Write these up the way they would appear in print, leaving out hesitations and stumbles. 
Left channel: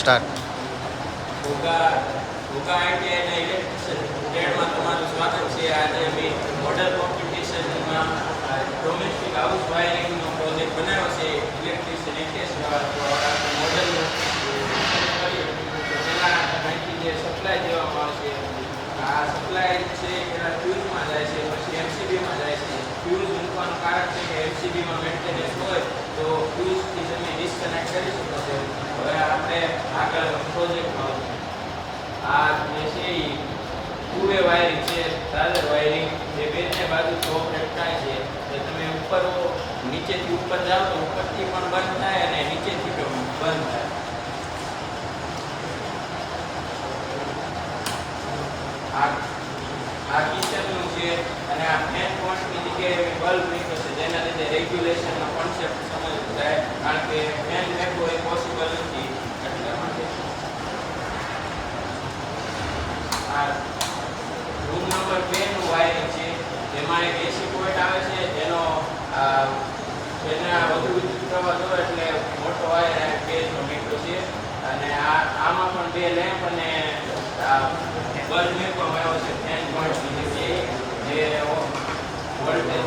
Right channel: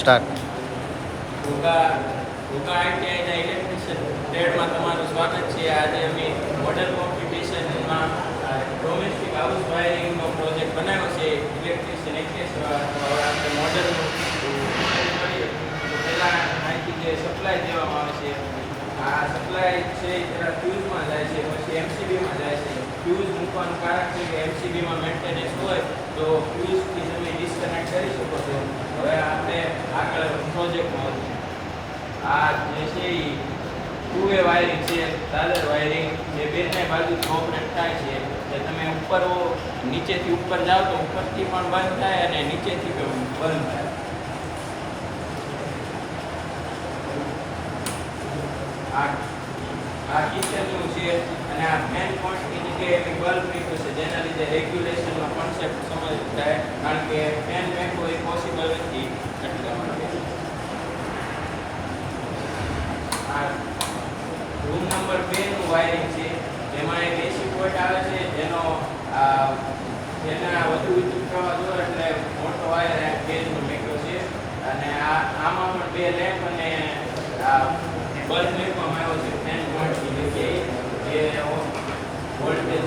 Start. Ghogha આઈટીઆઈના electrician ટ્રેડમાં તમારું સ્વાગત છે. આજે અમે મોડલ કોમ્પિટિશનમાં ડોમેસ્ટિક હાઉસ વાયરિંગનો પ્રોજેક્ટ બનાવ્યો છે. ઇલેક્ટ્રિશિયન 81 મોડલનું પહેલાં અહીંથી જે સપ્લાય દેવામાં આવે છે, આ સપ્લાય છે પહેલાં ફ્યુઝમાં જાય છે, પછી એમસીબીમાં જાય છે. ફ્યુઝ મૂકવાનું કારણ છે કે એમસીબીમાં મેન્ટેનન્સ હોય તો ફ્યુઝથી તમે ડિસ્કનેક્ટ કરી શકો છો. હવે આપણે આગળ પ્રોજેક્ટમાં આ જે છે એ ટુ વે વાયરિંગ છે, દાદર વાયરિંગ, જે બંને બાજુથી ઓપરેટ થાય છે. એટલે તમે ઉપર નીચેથી ઉપર જાઓ તો ઉપરથી પણ બંધ થાય અને નીચેથી પણ બંધ થાય. આ કિચનનું છે અને આ ફેન પોઈન્ટની જગ્યાએ બલ્બ મૂક્યો છે, જેના લીધે રેગ્યુલેશનનો કોન્સેપ્ટ સમજ થાય, કારણ કે ફેન મેકવો એ પોસિબલ નથી. એટલા માટે આ રૂમ નંબર 2 નું વાયરિંગ છે, જેમાં એક એસી પોઈન્ટ આવે છે, જેને આ વધુ વિદ્યુત પ્રવાહ જોઈએ એટલે મોટો વાયર ગેસનો મૂક્યો છે. અને આમાં પણ 2 લેમ્પ અને બલ્બ મૂકવામાં આવ્યો છે ફેન પોઈન્ટની જગ્યાએ, જે વોલ્ટેજ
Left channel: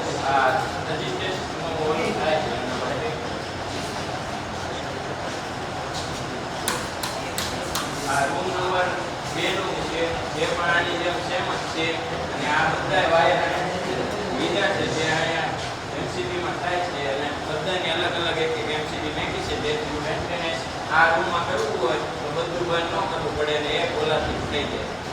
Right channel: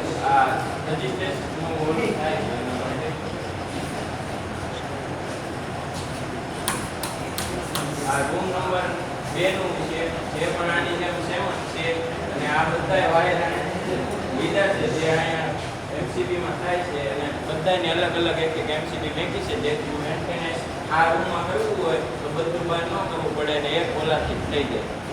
રેઝિસ્ટન્સનો વોલ્ટેજ થાય છે. આ રૂમ નંબર 2 નું છે, જે પણ આની જેમ સેમ જ છે. અને આ બધા વાયર લીધા છે જે અહીંયા એમસીબીમાં થાય છે, અને બધાની અલગ અલગ એક એક એમસીબી મેકી છે, જેથી મેન્ટેનન્સ આ રૂમમાં કરવું હોય તો બધું બંધ ન કરવું પડે અને એક ઓલાથી થઈ જાય.